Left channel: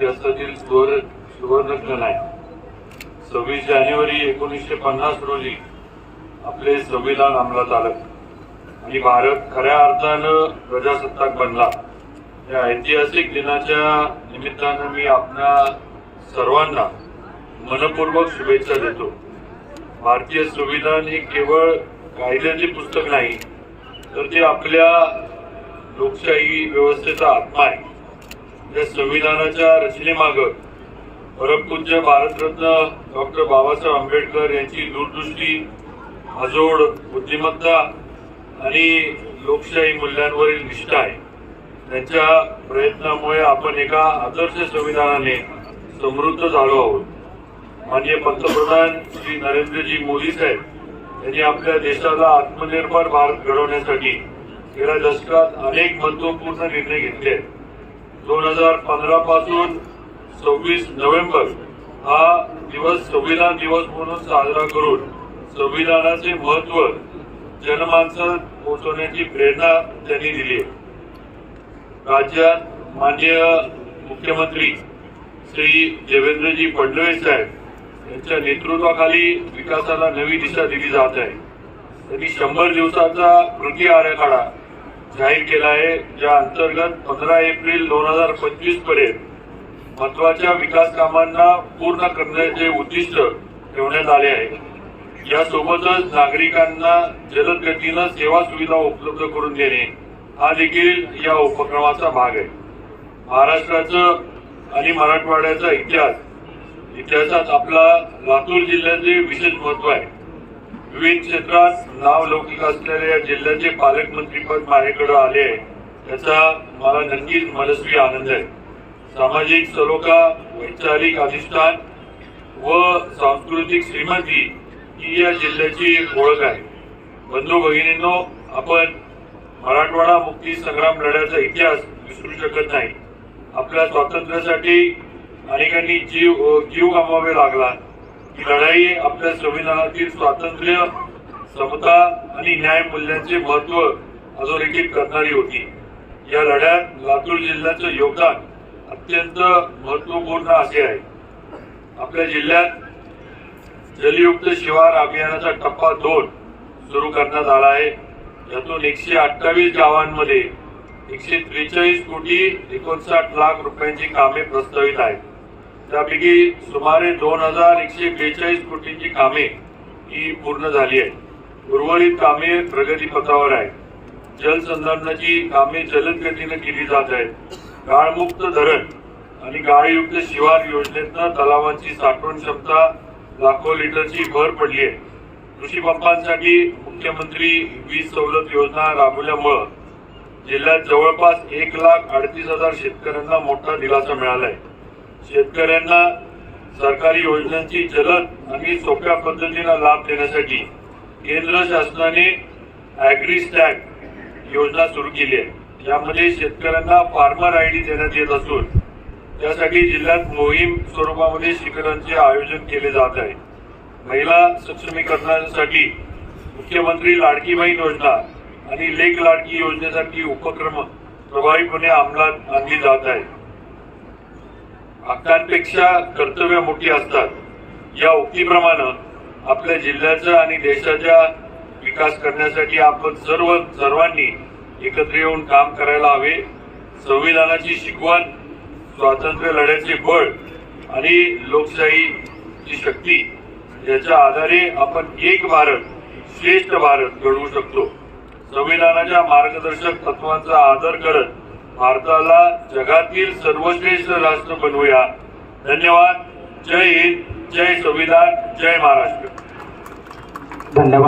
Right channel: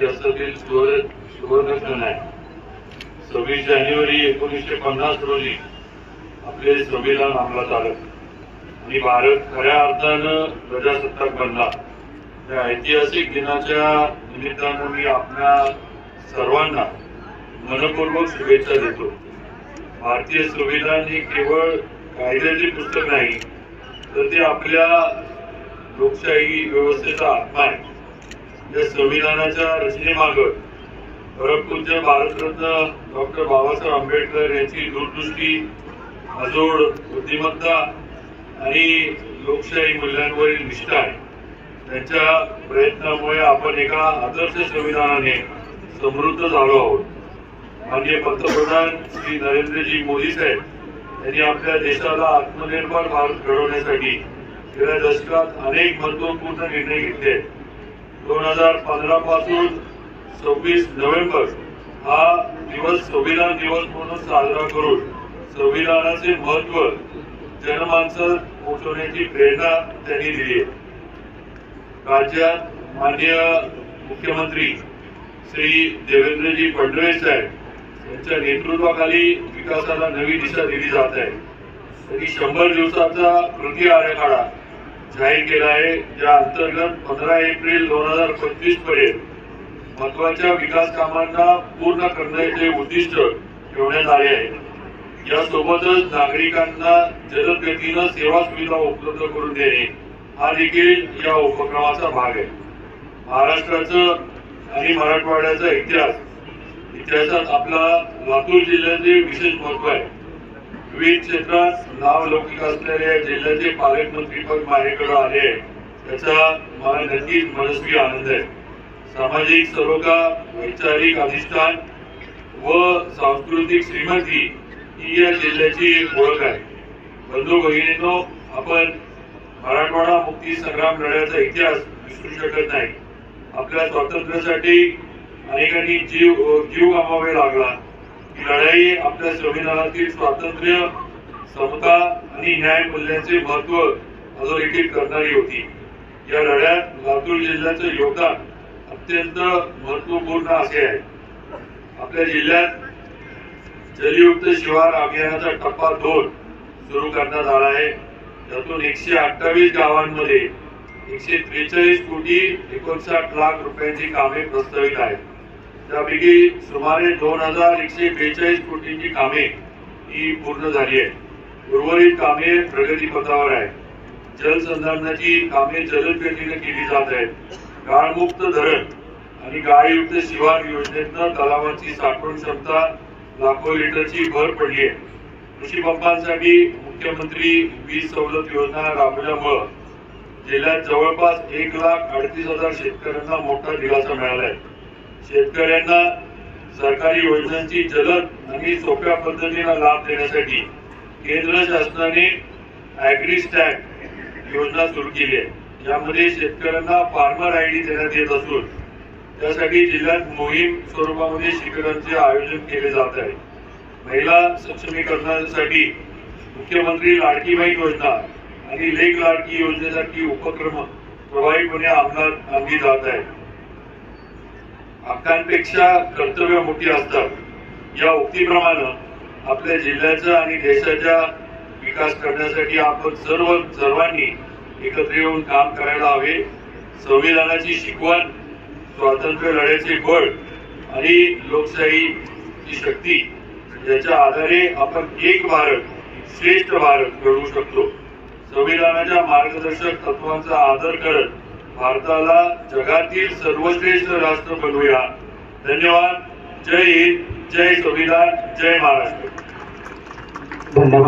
देशाचा इतिहासातील सुवर्ण आहे. सव्वीस जानेवारी एकोणीसशे पन्नास रोजी आपले संविधान अंमलात आलं. आणि भारत खऱ्या अर्थानं प्रजासत्ताक बनला. त्या ऐतिहासिक दिनाच्या निमित्तानं मी आपल्या सर्वांना मनपूर्वक शुभेच्छा देतो. भारतीय संविधान हे केवळ कायद्याचे पुस्तक नाही तर ते आपल्या लोकशाही व्यवस्थेचा आत्मा आहे. या संविधानाच्या रचनेमागं परमपूज्य भारतरत्न डॉक्टर बाबासाहेब आंबेडकर यांची दूरदृष्टी अजोड बुद्धिमत्ता आणि लोकशाही मूल्यांवरील निष्ठा आहे. त्यांच्या प्रयत्नामुळे आपण एका आदर्श संविधानाने समृद्ध झालो आहोत. माननीय पंतप्रधान श्री नरेंद्रजी मोदी साहेब यांनी आपल्या देशाला आत्मनिर्भर भारत घडवण्यासाठी गेल्या दशकात अनेक महत्त्वपूर्ण निर्णय घेतले आहेत. दोन हजार पंधरा पासून सव्वीस नोव्हेंबर हा दिवस संविधान दिवस म्हणून साजरा करून संविधानाचे महत्त्व जनमानसात पोहोचवण्याची प्रेरणा त्यांनी दिली आहे. राज्यात माननीय मुख्यमंत्री श्री देवेंद्रजी फडणवीस साहेब यांच्या नेतृत्वाखाली विकासाला नवी दिशा दिली जात आहे. त्यांनी शंभर दिवसाचा कृती आराखडा जाहीर केला आहे ज्या अंतर्गत पंधरा एप्रिल दोन हजार पंचवीसपर्यंत महत्त्वाच्या विकास कामांना पूर्ण करण्याचे उद्दिष्ट ठेवण्यात आले आहे यासोबतच नागरिकांना जलद गतीनं सेवा सुविधा उपलब्ध करून देणे हा देखील या उपक्रमाचा भाग आहे. महाराष्ट्राचं आणि मराठवाड्याचा इतिहास इतिहासात आपला लातूर जिल्ह्याचे विशेष महत्त्व आहे. विविध क्षेत्रात नावलौकिक लौकिक असलेल्या या जिल्ह्याचे पालकमंत्रीपद माझ्याकडे आले आहे. त्याचा मला नक्कीच मनस्वी आनंद आहे. सामाजिक सरोगा वैचारिक अधिष्ठान व सांस्कृतिक श्रीमंती ही या जिल्ह्याची ओळख आहे. बंधू भगिनींनो आपण मराठवाडा मुक्ती संग्राम लढ्याचा इतिहास विसरू शकत नाही. आपल्या स्वातंत्र्यासाठी अनेकांनी जीव जीव गमावे लागला. ही लढाई आपल्या संविधानातील स्वातंत्र्य समता आणि न्याय मूल्यांचे महत्त्व अधोरेखित करणारी होती. या लढ्यात लातूर जिल्ह्याचं योगदान अत्यंत महत्त्वपूर्ण असे आहे. आपल्या जिल्ह्यात जलयुक्त शिवार अभियानाचा टप्पा दोन सुरू करण्यात आला आहे. यातून एकशे अठ्ठावीस गावांमध्ये एकशे त्रेचाळीस कोटी एकोणसाठ लाख रुपयांची कामे प्रस्तावित आहेत. त्यापैकी सुमारे दोन हजार एकशे बेचाळीस कोटींची कामे ही पूर्ण झाली आहेत. उर्वरित कामे प्रगतीपथावर आहेत. जलसंधारणाची कामे जलदगतीने केली जात आहेत. गाळमुक्त धरण आणि गाळयुक्त शिवार योजनेतनं तलावांची साठवण क्षमता लाखो लिटरची भर पडली आहे. कृषी पंपांसाठी मुख्यमंत्री वीज सवलत योजना राबवल्यामुळं जिल्ह्यात जवळपास एक लाख अडतीस हजार शेतकऱ्यांना मोठा दिलासा मिळाला आहे शेतकऱ्यांना सरकारी योजनांची जलद आणि सोप्या पद्धतीनं लाभ देण्यासाठी केंद्र शासनाने ॲग्रीस्टॅक योजना सुरू केली आहे. यामध्ये शेतकऱ्यांना फार्मर आय डी देण्यात येत असून त्यासाठी जिल्ह्यात मोहीम स्वरूपामध्ये शिबिरांचे आयोजन केले जात आहे. महिला सक्षमीकरणासाठी मुख्यमंत्री लाडकी बहीण योजना आणि लेख लाडकी योजनेसाठी उपक्रम प्रभावीपणे अंमलात आणली जात आहेत. हक्कांपेक्षा कर्तव्य मोठी असतात. या उक्तीप्रमाणे आपल्या जिल्ह्याचा आणि देशाचा विकास करण्यासाठी आपण सर्व सर्वांनी एकत्र येऊन काम करायला हवे. संविधानाची शिकवण स्वातंत्र्य लढ्याचे बळ आणि लोकशाहीची शक्ती याच्या आधारे आपण एक भारत श्रेष्ठ भारत घडवू शकतो. संविधानाच्या मार्गदर्शक तत्वांचा आदर करत भारताला जगातील सर्वश्रेष्ठ राष्ट्र बनवूया. धन्यवाद. जय हिंद. जय संविधान. जय महाराष्ट्र. धन्यवाद.